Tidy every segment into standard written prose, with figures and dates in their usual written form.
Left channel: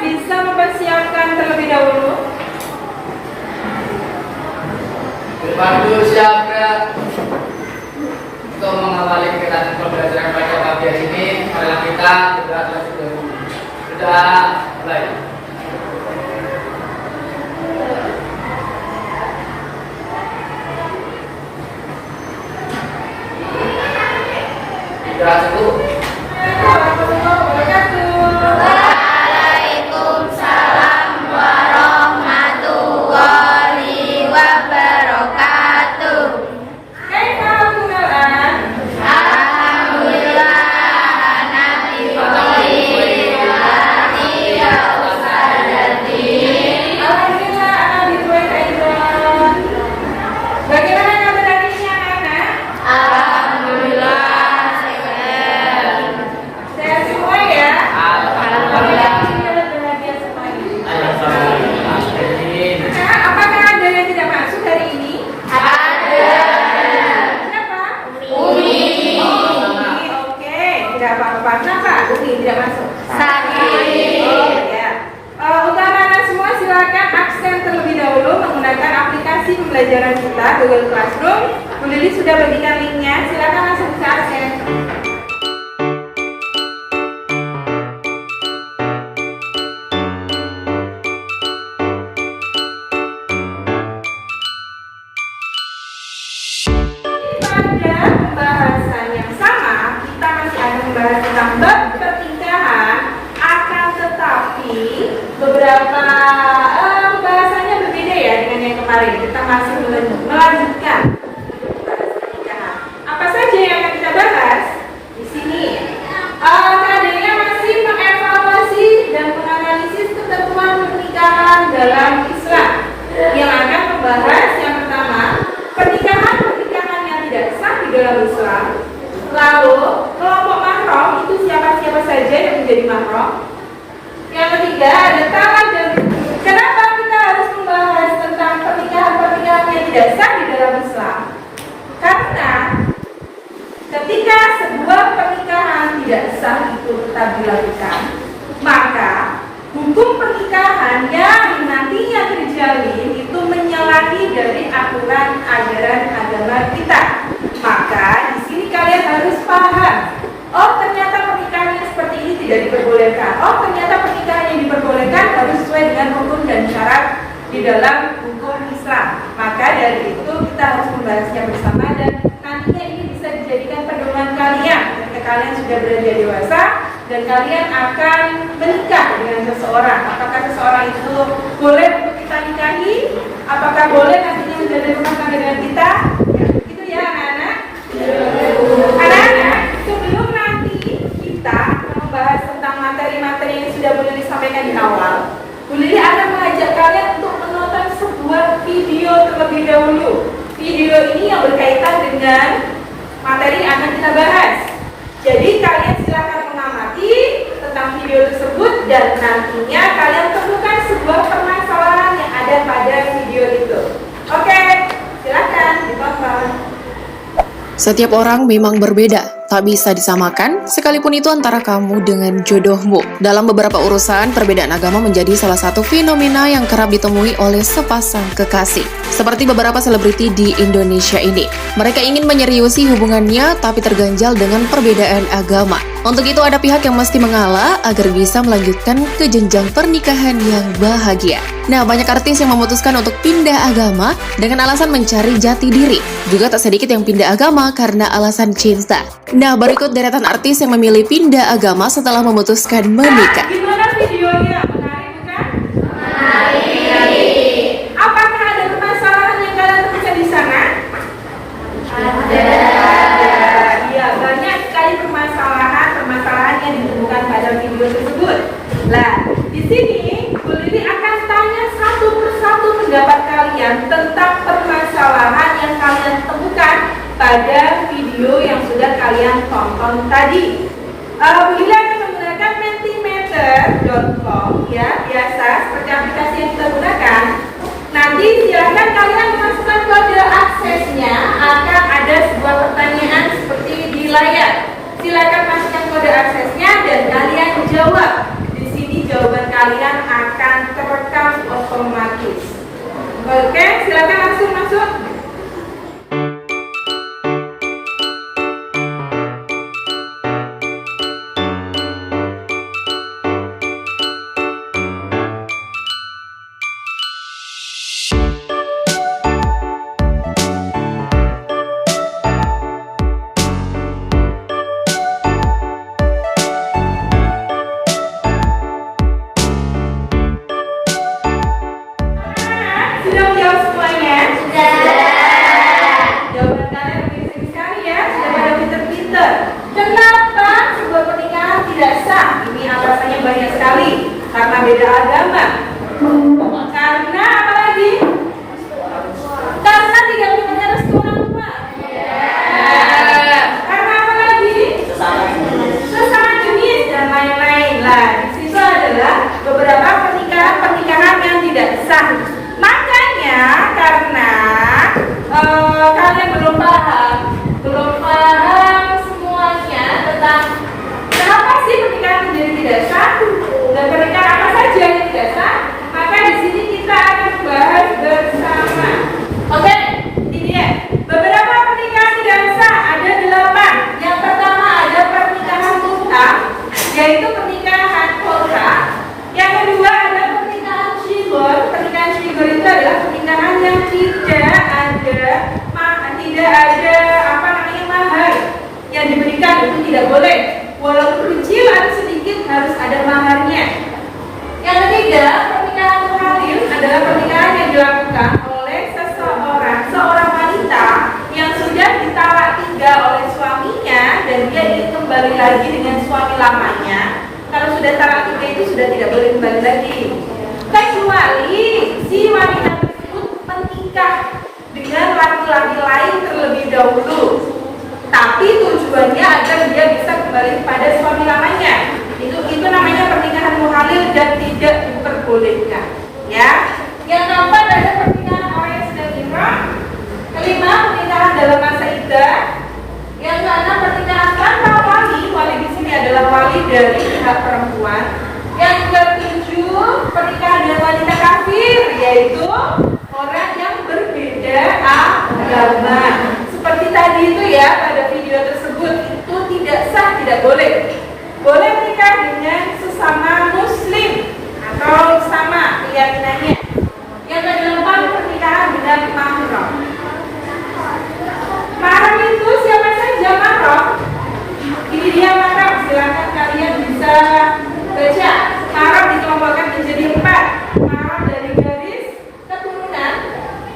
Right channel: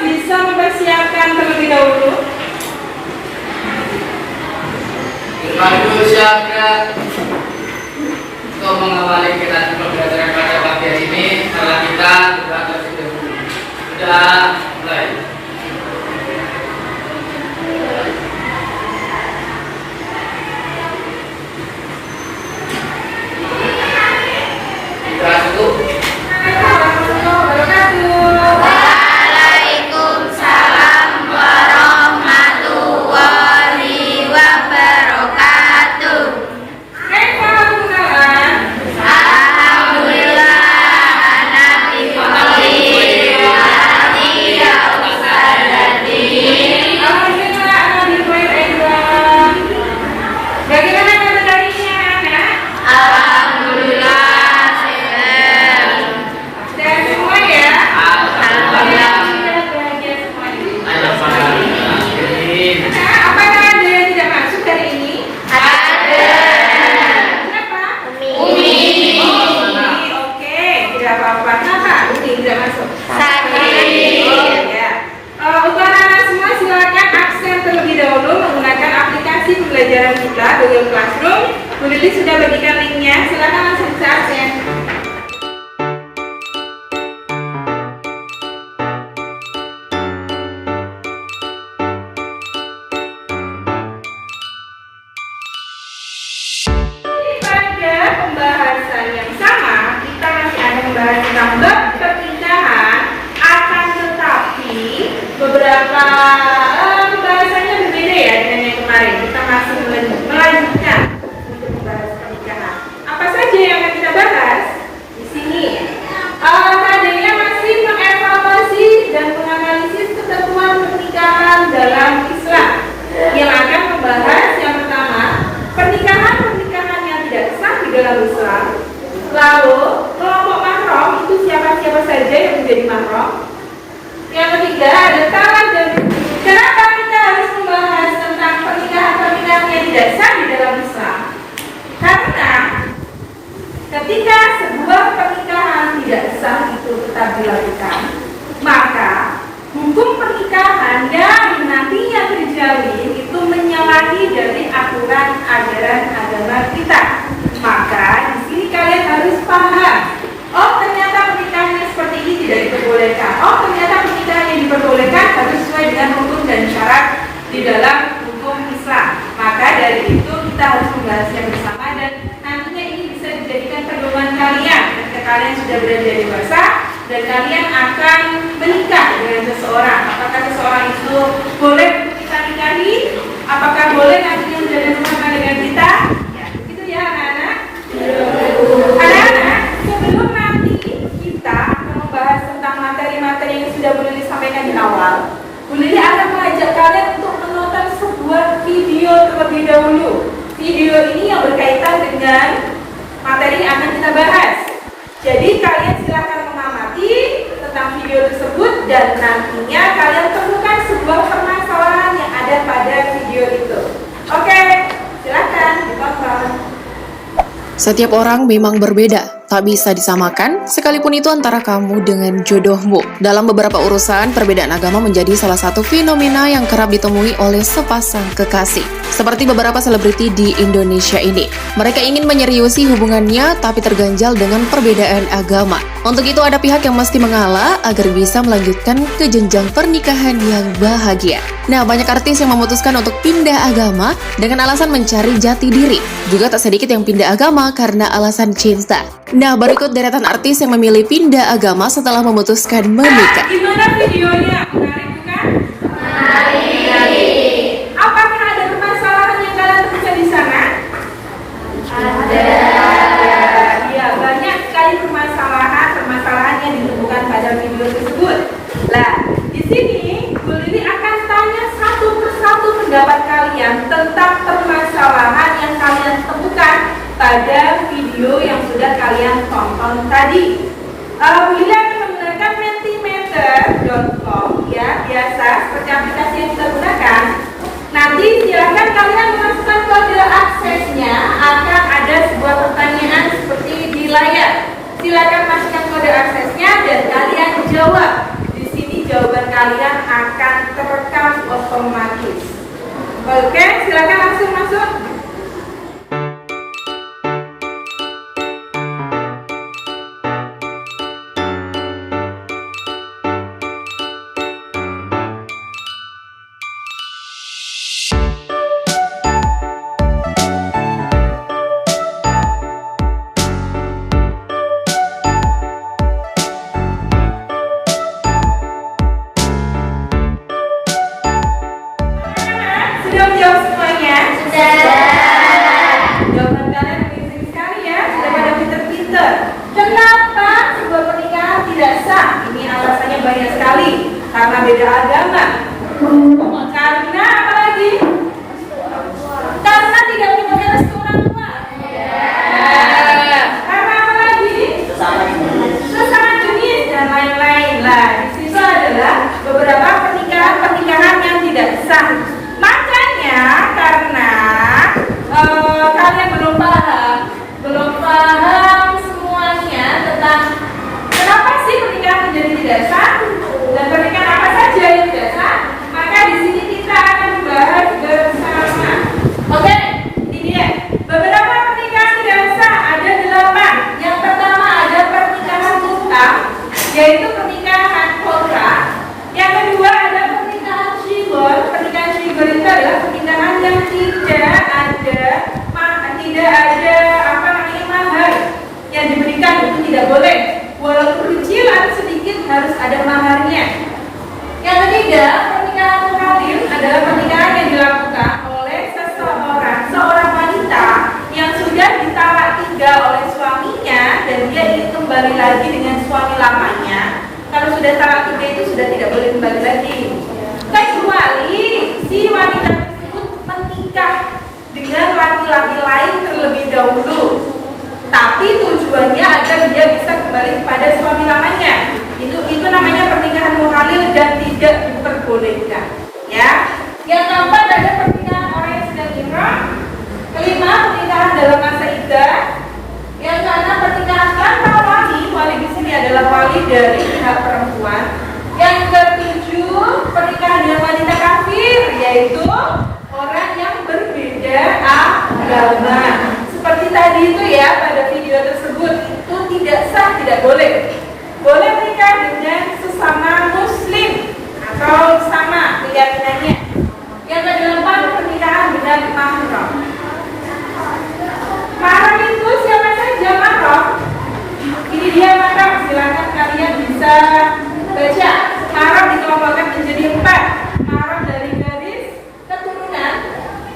bisa mempersiapkan terlebih dahulu? Waduh, siapa untuk mengawali kelas pembelajaran pada pagi hari ini karena kita sudah mulai. Sudah cukup. Waalaikumsalam warahmatullahi wabarakatuh. Alhamdulillah, Nabi Bagaimana kabar harinya anak-anak? Alhamdulillah, Sehat semua ya? Alhamdulillah. Bahagia semuanya. Amin. Nah, apakah ada yang tidak masuk hari ini? Ada. Siapa? Umi. Oke, tidak apa-apa. Kenapa Umi tidak masuk? Sakit. Oh, ya. Untuk anak-anak semua silakan absen terlebih dahulu menggunakan aplikasi pembelajaran kita Google Classroom. Bu Lili sudah bagikan linknya. Silakan langsung bisa absen. Pada pembahasan yang sama, kita masih akan membahas tentang bab pertingkahan, akan tetapi beberapa bahasannya berbeda ya dengan yang kemarin. Kita masih melanjutkan untuk membahas pernikahan. Apa saja yang akan kita bahas di sini? Kadangnya masih mengevaluasi dan menganalisis ketentuan pernikahan dalam Islam. Yang akan membahas yang pertama, pernikahan yang tidak sah di dalam Islam. Lalu kelompok mahram itu siapa-siapa saja yang menjadi mahram. Yang ketiga ada talak dan kenapa kita harus membahas tentang pernikahan yang tidak sah di dalam Islam? Karena ketika sebuah pernikahan tidak sah itu tetap dilakukan, maka hukum pernikahan yang nantinya terjalin itu menyalahi dari aturan ajaran agama kita. Maka di sini kalian harus paham. Oh, ternyata pernikahan yang seperti ini tidak diperbolehkan. Oh, ternyata pernikahan yang diperbolehkan harus sesuai dengan hukum dan syarat di dalam hukum Islam. Maka dari itu kita harus membahasnya bersama dan nantinya ini bisa dijadikan pedoman kalian ketika kalian sudah beranjak dewasa dan kalian akan menikah dengan seseorang. Apakah seseorang itu boleh untuk kita nikahi? Apakah boleh nantinya menjadi rumah tangga dengan kita? Ya, begitu ya anak-anak. Anak-anak, sebelum nanti kita akan membahas tentang materi-materi yang sudah Bu Lili sampaikan di awal, Bu Lili akan mengajak kalian untuk menonton sebuah video terlebih dahulu. Video ini yang berkaitan dengan materi yang akan kita bahas. Jadi kalian silakan mengamati tentang video tersebut dan nantinya kalian temukan sebuah permasalahan yang ada pada video itu. Oke, silakan ditonton. Setiap orang memang berbeda, tak bisa disamakan, sekalipun itu antara kamu dengan jodohmu. Dalam beberapa urusan, perbedaan agama menjadi salah satu fenomena yang kerap ditemui oleh sepasang kekasih. Seperti beberapa selebriti di Indonesia ini. Mereka ingin menyeriusi hubungannya, tapi terganjal dengan perbedaan agama. Untuk itu ada pihak yang mesti mengalah agar bisa melanjutkan ke jenjang pernikahan yang bahagia. Nah, banyak artis yang memutuskan untuk pindah agama dengan alasan mencari jati diri. Juga tak sedikit yang pindah agama karena alasan cinta. Nah, berikut deretan artis yang memilih pindah agama setelah memutuskan menikah. Gimana videonya? Menarik bukan? Menarik. Apakah ada permasalahan yang kalian temukan di sana? Ada. Iya, banyak sekali permasalahan yang ditemukan pada video tersebut. Nah, di sini Bu Lili akan tanya satu persatu pendapat kalian tentang permasalahan yang kalian temukan pada video yang sudah kalian tonton tadi. Bu Lili akan menggunakan mentimeter.com ya, biasa seperti aplikasi yang kita gunakan. Nanti silakan kalian memasukkan kode aksesnya, akan ada sebuah pertanyaan seperti di layar. Silakan masukkan kode aksesnya dan kalian jawab. Di sini jawaban kalian kalian akan terekam otomatis. Oke, silakan langsung masuk. Sudah menjawab semuanya? Jawaban kalian begitu sekali ya, sudah pada pinter-pinter. Kenapa sebuah pernikahan tidak sah? Ini alasannya banyak sekali. Karena beda agama. Karena apa lagi? Karena tidak punya restu orang tua. Karena apa lagi? Sesama jenis dan lain-lain. Lah, di situ adalah beberapa pernikahan yang tidak sah. Makanya karena kalian belum paham semuanya tentang kenapa sih pernikahan menjadi tidak sah dan pernikahan apa saja yang tidak sah, maka di sini kita akan membahas bersama. Oke, ini dia beberapa pernikahan tidak sah, ada 8. Yang pertama ada pernikahan mutlak, yaitu pernikahan kontrak. Yang kedua ada pernikahan shibor. Pernikahan shibor itu adalah pernikahan yang tidak ada mahar yang diberikan, itu tidak boleh. Walaupun kecil atau sedikit harus ada maharnya. Yang ketiga, pernikahan muhalil adalah pernikahan yang dilakukan oleh seorang wanita yang sudah ditalak 3 oleh suaminya dan dia ingin kembali lagi dengan suami lamanya. Kalau sudah talak 3 itu sudah tidak boleh kembali lagi, kecuali si wanita tersebut menikah dengan laki-laki lain terlebih dahulu, tapi tujuannya agar dia bisa kembali kepada suami lamanya. Itu namanya pernikahan muhalil dan tidak diperbolehkan. Ya. Yang keempat ada pernikahan orang yang sedang ihram. Kelima, pernikahan dalam masa iddah. Yang keenam, pernikahan tanpa wali. Wali di sini adalah wali dari pihak perempuan. Yang ketujuh, pernikahan dengan wanita kafir, yaitu orang yang berbeda agama. Seperti tadi itu ya, pada video tersebut itu tidak sah, tidak boleh. Boleh menikah dengan sesama muslim atau sama keyakinannya. Yang kedelapan, pernikahan dengan mahram. Mahram itu siapa saja mahram? Ini dia mahram, silakan kalian bisa baca. Mahram dikelompokkan menjadi 4. Mahram dari garis keturunan,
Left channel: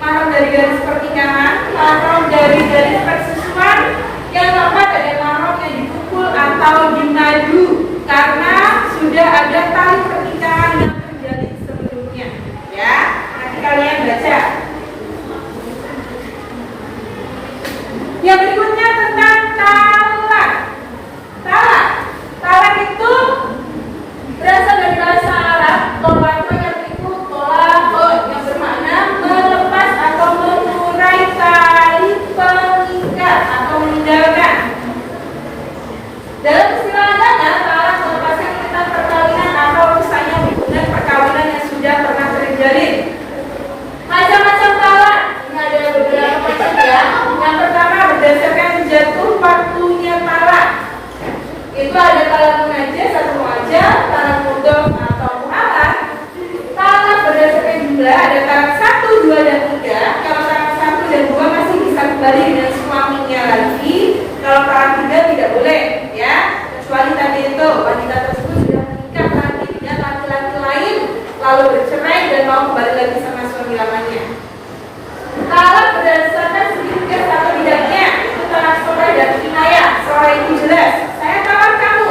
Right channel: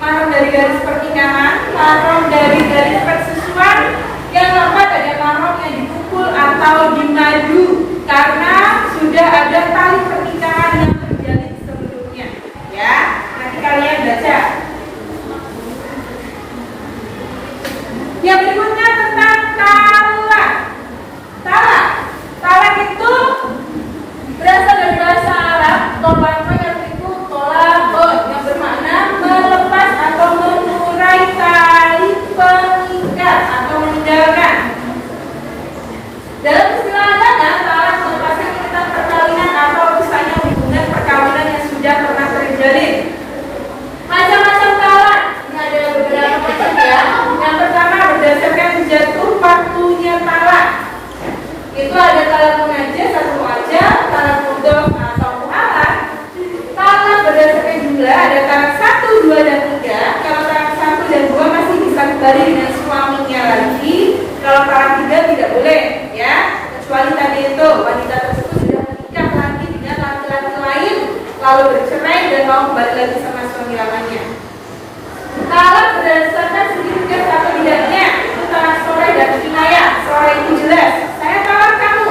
mahram dari garis pernikahan, mahram dari garis persusuan. Yang keempat ada mahram yang dipukul atau dimadu karena sudah ada tali pernikahan yang terjadi sebelumnya. Ya, nanti kalian baca. Yang berikutnya tentang talak. Talak itu berasal dari bahasa Arab. Tolak itu tolak yang bermakna melepas atau mengurai tali pengikat atau meninggalkan. Dalam istilah agama, talak merupakan ikatan perkawinan atau misalnya hubungan perkawinan yang sudah pernah terjalin. Macam-macam talak, ada beberapa macam ya. Yang pertama berdasarkan jatuh waktunya talak. Itu ada talak munajjah atau muajjal, talak mudhof atau mu'allaq. Talak berdasarkan jumlah, ada talak 1, 2 dan 3. Kalau talak 1 dan 2 masih bisa kembali dengan suaminya lagi. Kalau talak 3 tidak boleh, ya. Kecuali tadi itu wanita tersebut sudah menikah lagi dengan laki-laki lain, lalu bercerai dan mau kembali lagi sama suami lamanya. Talak berdasarkan sedikit atau tidaknya, itu talak sore dan kinayah. Sore itu jelas, saya talak kamu,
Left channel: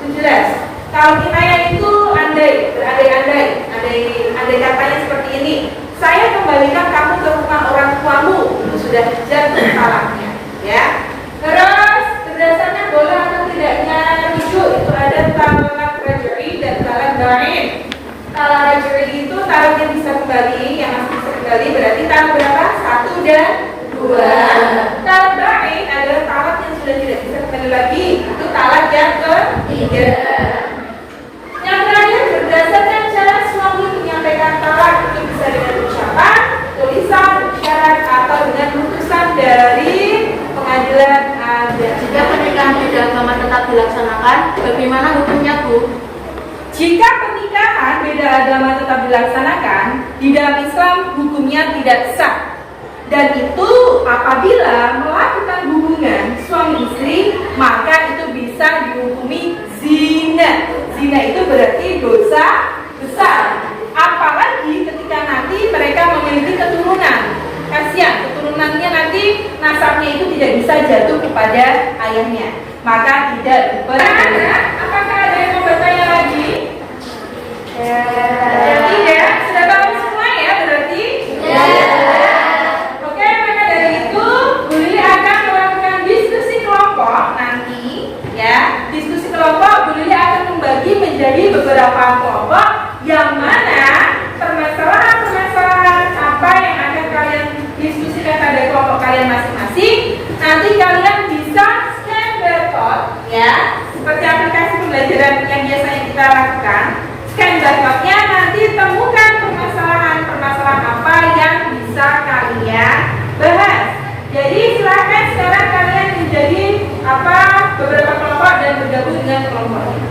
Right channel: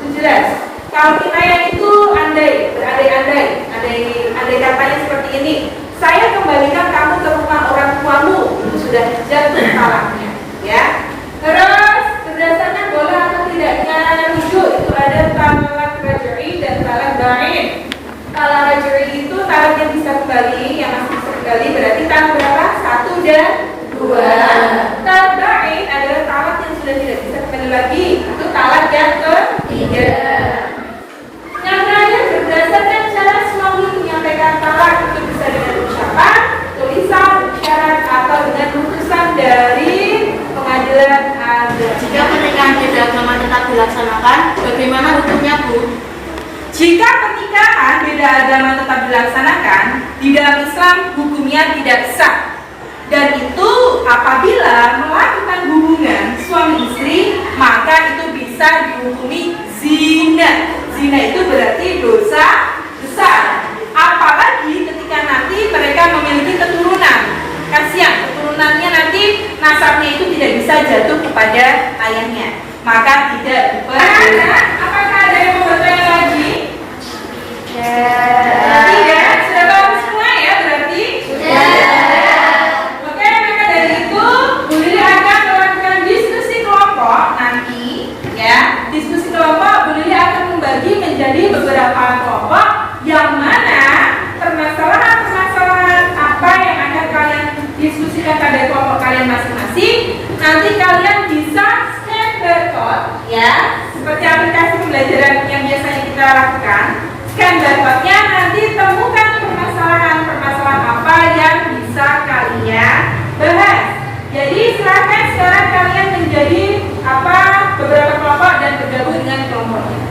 itu jelas. Kalau kinayah itu andai, andai katanya seperti ini, saya kembalikan kamu ke rumah orang tuamu, itu sudah jatuh talaknya, ya. Terus berdasarkan boleh atau tidaknya rujuk, itu ada talak raj'i dan talak ba'in. Talak raj'i itu talak yang bisa kembali, yang masih bisa kembali, berarti talak berapa? 1 dan 2. Talak ba'in adalah talak yang sudah tidak bisa kembali lagi, itu talak yang ketiga. Yang terakhir berdasarkan tetap dilaksanakan, bagaimana hukumnya, Bu? Jika pernikahan beda agama tetap dilaksanakan, di dalam Islam hukumnya tidak sah. Dan itu apabila melakukan hubungan suami istri, maka itu bisa dihukumi zina. Zina itu berarti dosa besar. Apalagi ketika nanti mereka memiliki keturunan. Kasihan, keturunannya nanti nasabnya itu tidak bisa jatuh kepada ayahnya. Maka tidak diperbolehkan. Apakah ada yang mau bertanya lagi? Tidak, sudah tahu semua ya berarti? Oke, maka dari itu Bu Lili akan melakukan diskusi kelompok nanti ya. Diskusi kelompok Bu Lili akan membagi menjadi beberapa kelompok yang mana permasalahan-permasalahan apa yang akan kalian diskusikan pada kelompok kalian masing-masing. Nanti kalian bisa scan barcode ya, seperti aplikasi pembelajaran yang biasanya kita lakukan. Scan barcode-nya, nanti temukan permasalahan-permasalahan apa yang bisa kalian bahas. Jadi silahkan sekarang kalian menjadi beberapa kelompok dan bergabung dengan kelompoknya.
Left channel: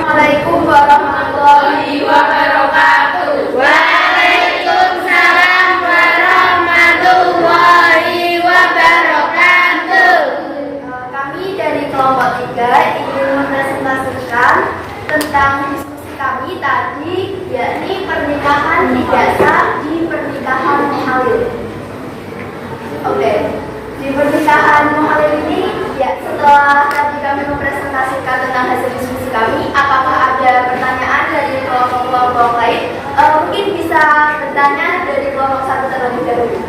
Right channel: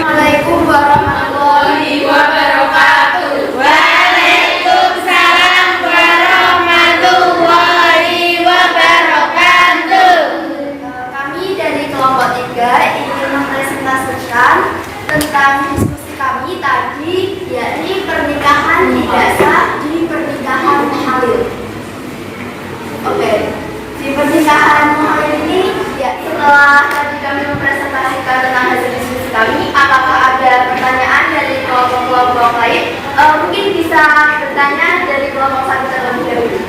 Assalamualaikum warahmatullahi wabarakatuh. Waalaikumsalam warahmatullahi wabarakatuh. Kami dari kelompok 3 ingin mempresentasikan tentang diskusi kami tadi, yakni pernikahan tidak sah di pernikahan muhalil. Oke. Di pernikahan muhalil ini, ya, setelah tadi kami mempresentasikan tentang hasil diskusi kami, apakah ada pertanyaan dari kelompok-kelompok lain? Mungkin bisa bertanya dari kelompok 1 terlebih dahulu.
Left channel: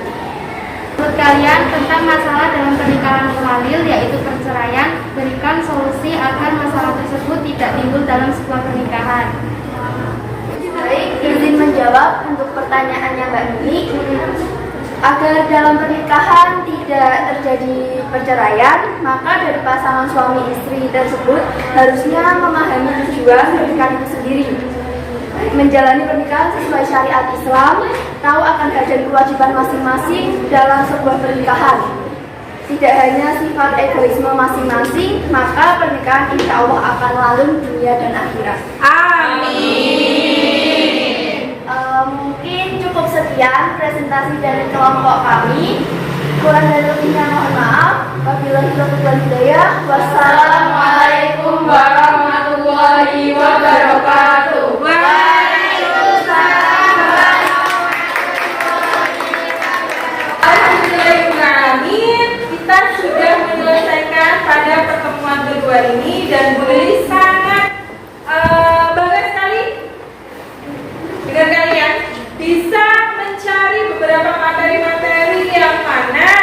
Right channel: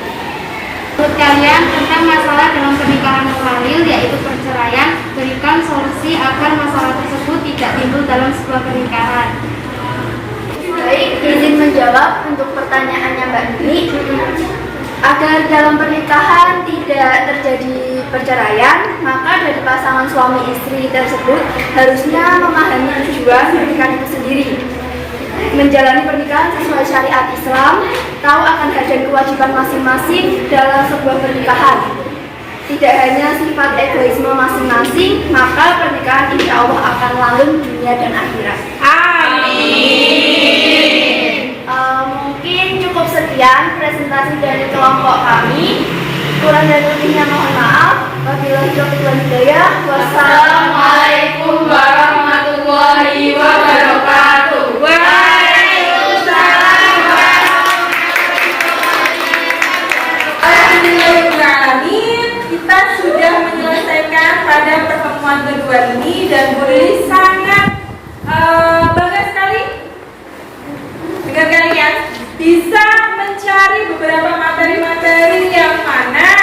Menurut kalian tentang masalah dalam pernikahan muhalil, yaitu perceraian, berikan solusi agar masalah tersebut tidak timbul dalam sebuah pernikahan. Baik, izin menjawab untuk pertanyaannya Mbak Nini. Agar dalam pernikahan tidak terjadi perceraian, maka dari pasangan suami istri tersebut harusnya memahami tujuan pernikahan itu sendiri, menjalani pernikahan sesuai syariat Islam, tahu akan hak dan kewajiban masing-masing dalam sebuah pernikahan. Tidak hanya sifat egoisme masing-masing, maka pernikahan insya Allah akan langgeng dunia dan akhirat. Amin. Mungkin cukup sekian presentasi dari kelompok kami. Kurang dan lebihnya mohon maaf. Wabillahi taufiq wal hidayah. Wassalamualaikum warahmatullahi wabarakatuh. Waalaikumsalam Alhamdulillahirrahmanirrahim. Kita sudah menyelesaikan pada pertemuan kedua ini dan Bu Lili sangat bangga sekali dengan kalian bisa mencari beberapa materi-materi yang mana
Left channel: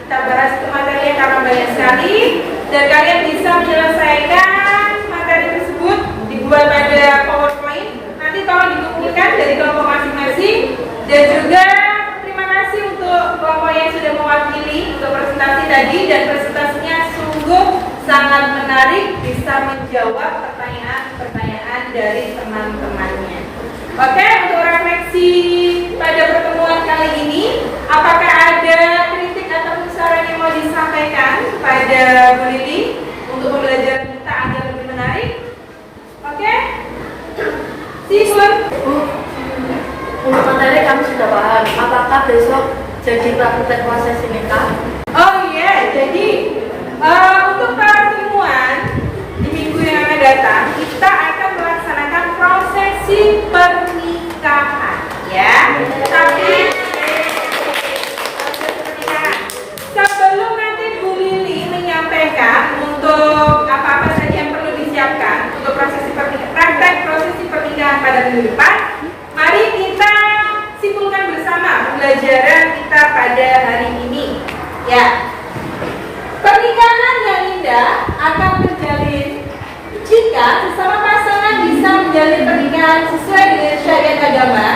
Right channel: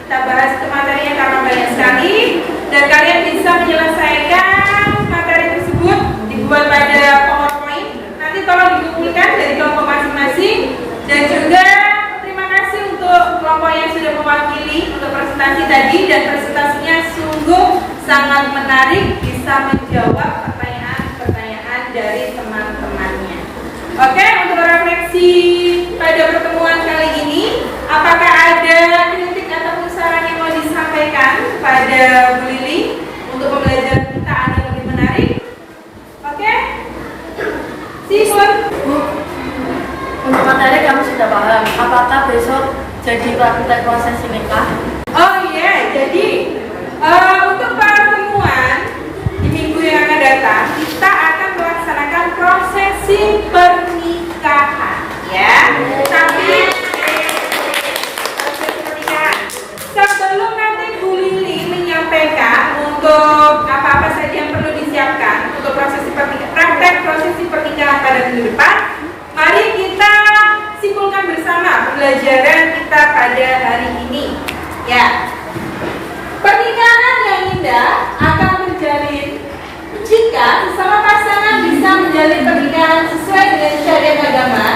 kita bahas itu materinya karena banyak sekali, dan kalian bisa menyelesaikan materi tersebut dibuat pada PowerPoint. Nanti tolong dikumpulkan dari kelompok masing-masing, dan juga terima kasih untuk kelompok yang sudah mewakili untuk presentasi tadi, dan presentasinya sungguh sangat menarik, bisa menjawab pertanyaan-pertanyaan dari teman-temannya. Oke, untuk refleksi pada pertemuan kali ini, apakah ada kritik atau saran yang mau disampaikan pada Bu Lili untuk pembelajaran kita agar lebih menarik? Oke? Sipun. Bu, untuk materi kami sudah paham. Apakah apakah besok jadi praktek prosesi nikah? Oh iya, jadi untuk pertemuan di minggu yang akan datang kita akan melaksanakan prosesi pernikahan, ya. Tapi prosesi pernikahan. Sebelum nanti Bu Lili menyampaikan untuk apa-apa saja yang perlu disiapkan untuk praktek prosesi pernikahan pada minggu depan, mari kita simpulkan bersama pembelajaran kita pada hari ini. Ya, pernikahan yang indah akan terjalin jika sesama pasangan bisa menjalin pernikahan sesuai dengan syariat agama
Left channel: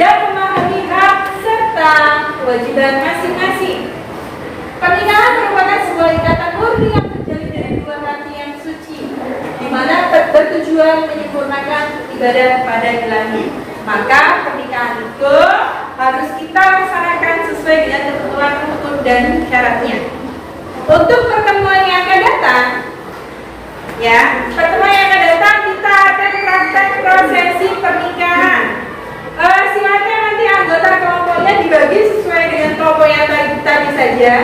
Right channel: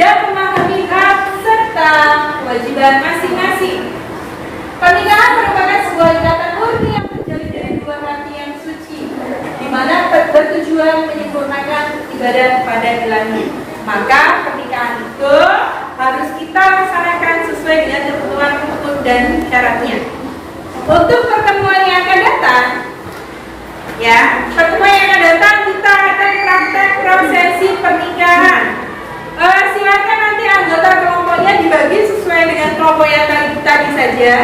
dan memahami hak serta kewajiban masing-masing. Pernikahan merupakan sebuah ikatan murni yang terjalin dari dua hati yang suci, di mana bertujuan menyempurnakan ibadah pada ilahi. Maka pernikahan itu harus kita laksanakan sesuai dengan ketentuan hukum dan syaratnya. Untuk pertemuan yang akan datang, ya, pertemuan yang akan datang kita akan praktek prosesi pernikahan. Silakan nanti anggota kelompoknya dibagi sesuai dengan kelompok yang tadi saja.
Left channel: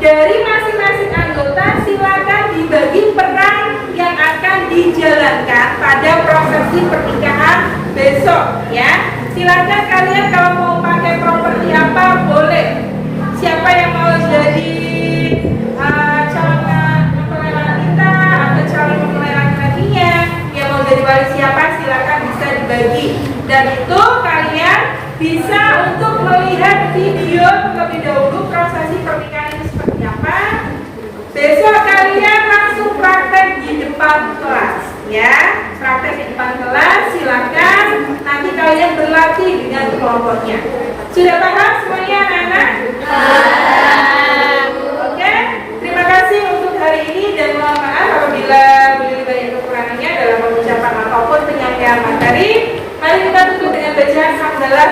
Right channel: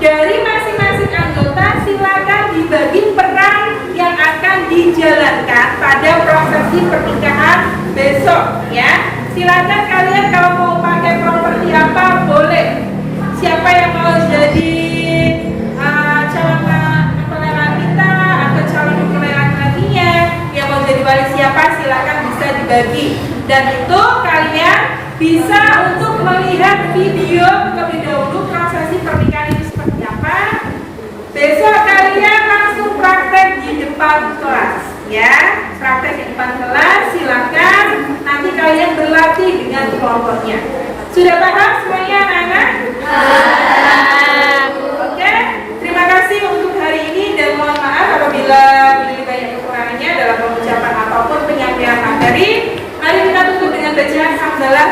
Dari masing-masing anggota silakan dibagi peran yang akan dijalankan pada prosesi pernikahan besok, ya. Silakan kalian kalau mau pakai properti apa boleh. Siapa yang mau jadi calon mempelai wanita atau calon mempelai laki-lakinya, yang mau jadi wali siapa silakan bisa dibagi. Dan itu kalian bisa untuk melihat video terlebih dahulu prosesi pernikahan itu seperti apa. Besok kalian langsung praktek di depan kelas, ya. Praktek di depan kelas, silakan. Nanti kalian berlatih dengan kelompoknya. Sudah paham semuanya, anak-anak? Oke. Terima kasih untuk hari ini dan mohon maaf apabila banyak kekurangannya dalam pengucapan ataupun penyampaian materi. Mari kita tutup dengan bacaan hamdalah.